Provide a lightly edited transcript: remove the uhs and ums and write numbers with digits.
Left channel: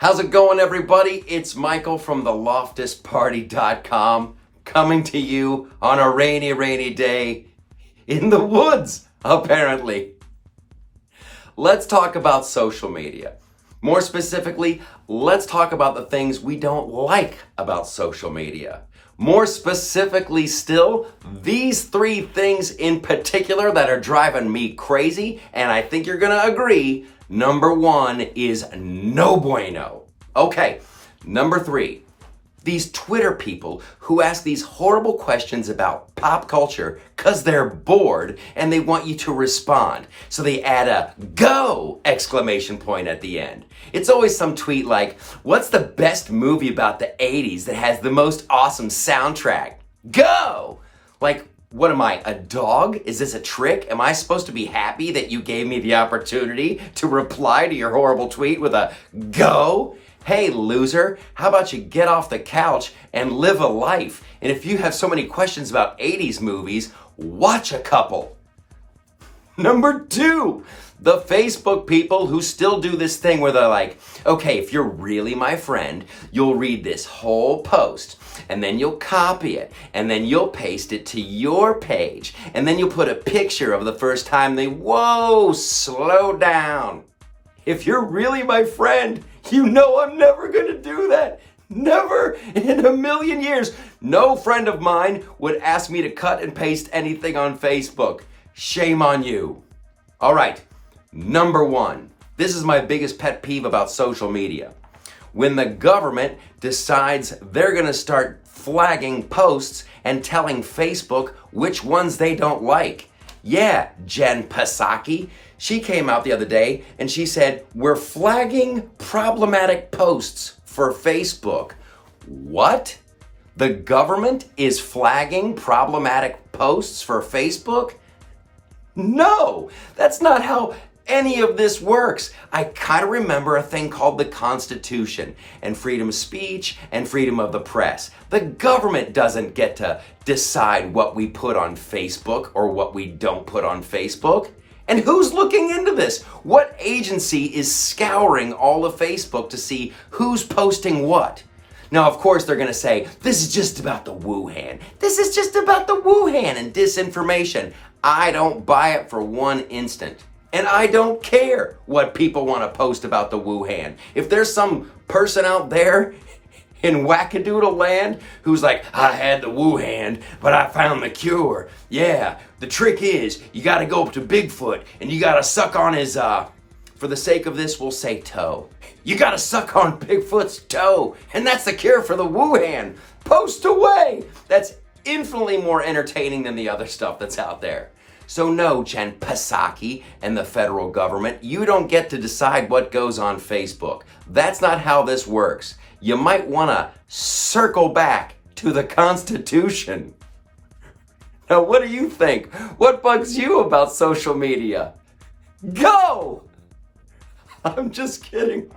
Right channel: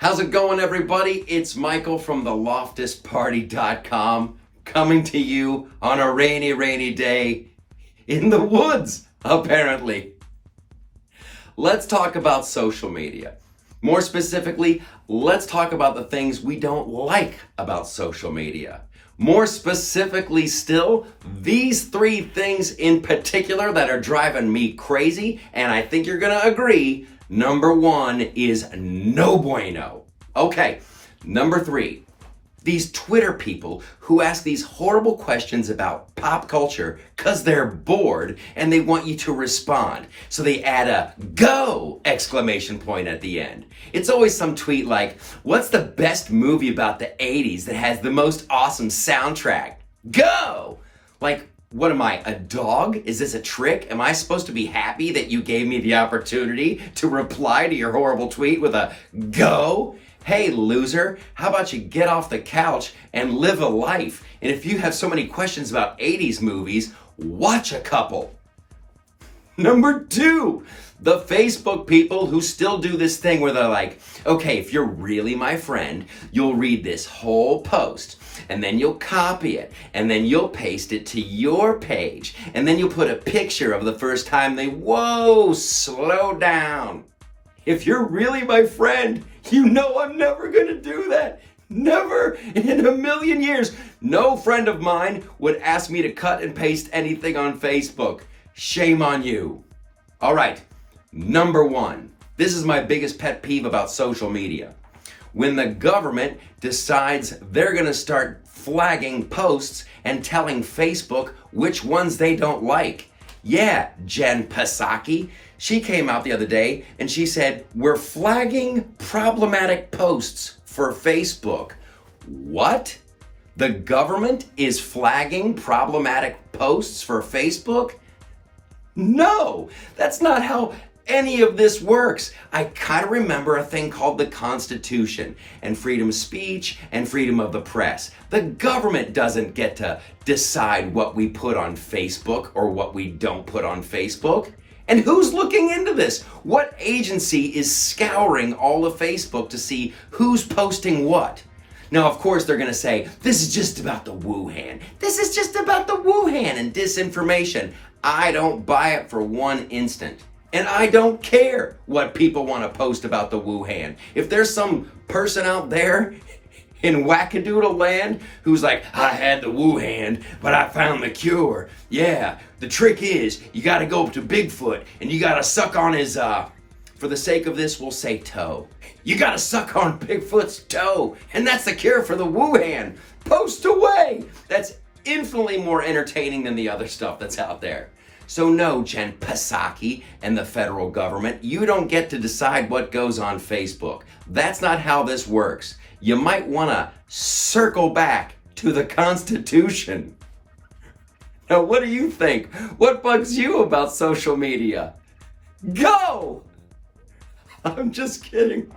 How's it going, everybody? It's Michael from the LoftusParty.com coming to you on a rainy, rainy day in the woods, apparently. Let's talk about social media. More specifically, let's talk about the things we don't like about social media. More specifically still, these three things in particular that are driving me crazy, and I think you're gonna agree, number one is no bueno. Okay, number three, these Twitter people who ask these horrible questions about pop culture because they're bored and they want you to respond. So they add a go exclamation point at the end. It's always some tweet like, what's the best movie about the 80s that has the most awesome soundtrack? Go! Like, what am I, a dog? Is this a trick? Am I supposed to be happy that you gave me the opportunity to reply to your horrible tweet with a go? Hey, loser, how about you get off the couch and live a life? And if you have so many questions about 80s movies, watch a couple. Number two, the Facebook people who still do this thing where they're like, okay, if you're really my friend, you'll read this whole post, and then you'll copy it, and then you'll paste it to your page, and then you'll put a picture of the first time whoa, slow down. If you're really my friend, you know I'm never gonna do that. Never in a million years. No friend of mine would ask me to cut and paste anything on Facebook. Shame on you. All right, number one. This is my biggest pet peeve about social media. When the government decides they're gonna start flagging posts and telling Facebook which ones they don't like. Yeah, Jen Psaki. She came out the other day and she said, we're flagging problematic posts for Facebook. What? The government is flagging problematic posts for Facebook? No, that's not how any of this works. I kind of remember a thing called the Constitution and freedom of speech and freedom of the press. The government doesn't get to decide what we put on Facebook or what we don't put on Facebook. And who's looking into this? What agency is scouring all of Facebook to see who's posting what? Now, of course, they're going to say, this is just about the Wuhan. This is just about the Wuhan and disinformation. I don't buy it for one instant. And I don't care what people want to post about the Wuhan. If there's some person out there in wackadoodle land who's like, I had the Wuhan, but I found the cure. Yeah, the trick is you got to go up to Bigfoot and you got to suck on his, for the sake of this, we'll say toe. You got to suck on Bigfoot's toe, and that's the cure for the Wuhan. Post away. That's infinitely more entertaining than the other stuff that's out there. So no, Jen Psaki and the federal government, you don't get to decide what goes on Facebook. That's not how this works. You might want to circle back to the Constitution. Now, what do you think? What bugs you about social media? Go! I'm just kidding.